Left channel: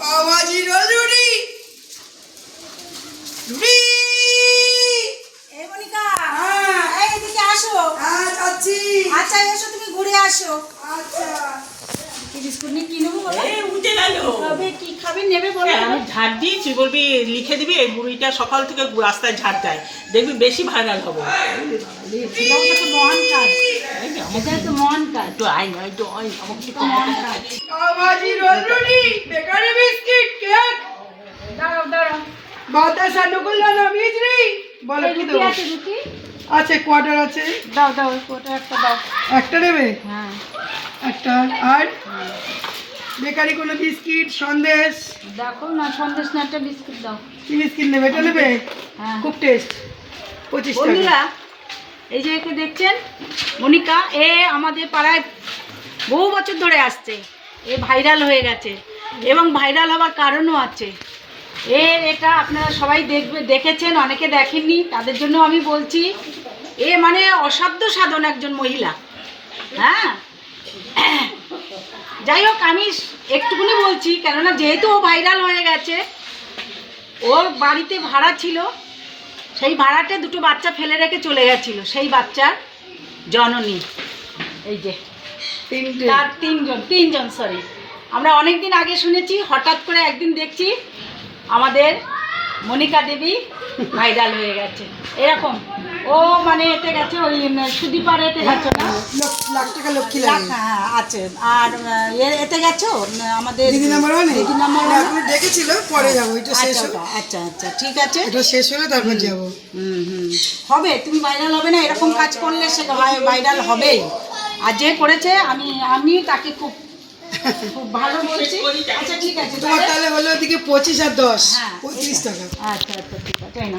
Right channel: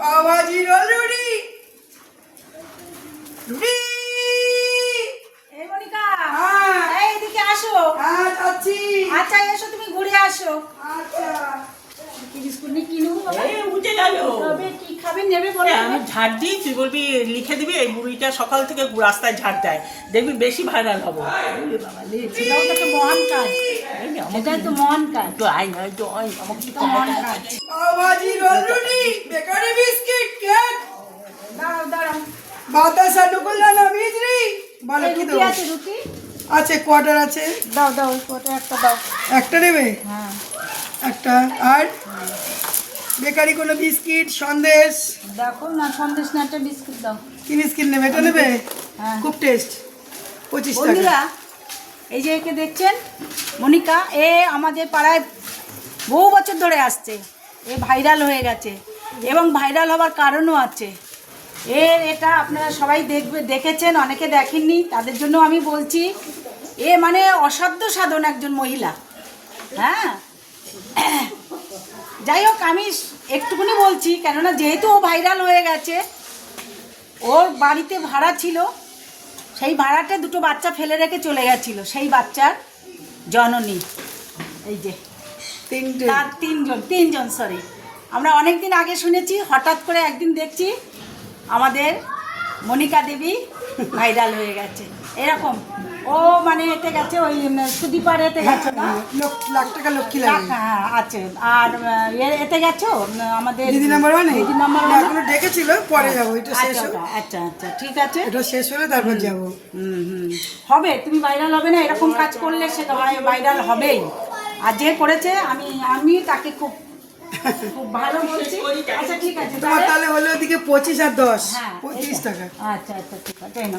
Pav bhaji role রুটি রুটি। এই মনিকা, এই এদিকে আসো। হ্যাঁ যাচ্ছি। আচ্ছা এসো, তুমি ঘুরে আসো। আচ্ছা কি বিস্কুট নিয়ে কিনবো? উঠে গেল। তবে কি খাবে নেবে বলো? আমি ঝাড় দিই, তুই বলবি লিখে দিবি এই বুড়িটা সকাল থেকে রাস্তায় ঝাড় দেয়, দেখবি বেশি ভাইরাল হবো। সেটাও তো একটা মহান কাজ। এটাই তো মহান কাজ। একটু আয় না, একটু আয়, আমাকে এটা মহান কাজ। পাওভাজি রোল রুটি বেকারি বিস্কিট কেক দাঁড়াও দাঁড়াও। বাতাসা নকুলদানা মিজরি। বলো এই কি রুটি দেবো? আছে, রুটি আছে কোয়ার্টার আছে। দাও দাও, ওটা একটা দাও। একটা নেবে? হ্যাঁ একটা। আর বেকারি কোনো বিস্কিট সন্দেশ? দেখো না, সন্দেশ না, একটা বিস্কুট দাও। কি বিস্কিট নেবে? এটা নেবে? হ্যাঁ। খুব টেস্ট। 25 টাকা। বন্ধুরা, এই যে একে দেখছেন, মনিকা, এ আমাদের পাড়ায় বহু বছর ধরে আসছে। এ ভাইরাল হয়ে গেছে এবং ভাইরাল হওয়ার কারণও আছে। এটা আপনারা সবাই দেখেছেন, অনেকে দেখেননি, তাদের জন্য আমি বলছি। এ মানে অসাধ্য সাধন একজন মহিলা। হ্যাঁ, যাই হোক, আমি একটুকুনি বলছি, কেননা যেহেতু ও ভাইরাল হয়ে গেছে, ওর বাড়িতে ভাড়া ছিল, সেই ভাড়াতে দুটো বাচ্চা ফেলে রেখে চলে গেছিল। সেই বাচ্চার জননী এই যে, তিনটে। তার তিনজন সরি, আমরা অনেক দিন আগে শুনেছি, হঠাৎ করে একদিন দেখছি আমাদের মনিকা দেবী ভাইরাল হয়ে গেছে। এরকম ও মানে এতে গেছে, ওই সুদীপার এতে গেছে না, লাখ টাকা লক্ষ্মী লাগে। হ্যাঁ আছে। আর এতে গেছো আমাদের দিদি নাম্বার 1 দিদি নাম্বার এখনো ডেকেছিল, পরে যাবো। এটা শেষ আচ্ছা হোক। আচ্ছা আচ্ছা, ঠিক আছে। এটা শেষ হলে তারপর যাবো। হবে, তুমি ভাইরাল হবে না, এরকম কাজ করলে সেটা ভাইরাল হবেই। আর যে করেছে, আমি তাকে খুব খুব ভালো বলছি। আচ্ছা ঠিক আছে, তোমার তাহলে হলো ওদিকে 25 আর 10 হ্যাঁ, 35 টাকা। আচ্ছা আচ্ছা ঠিক আছে, এই নাও।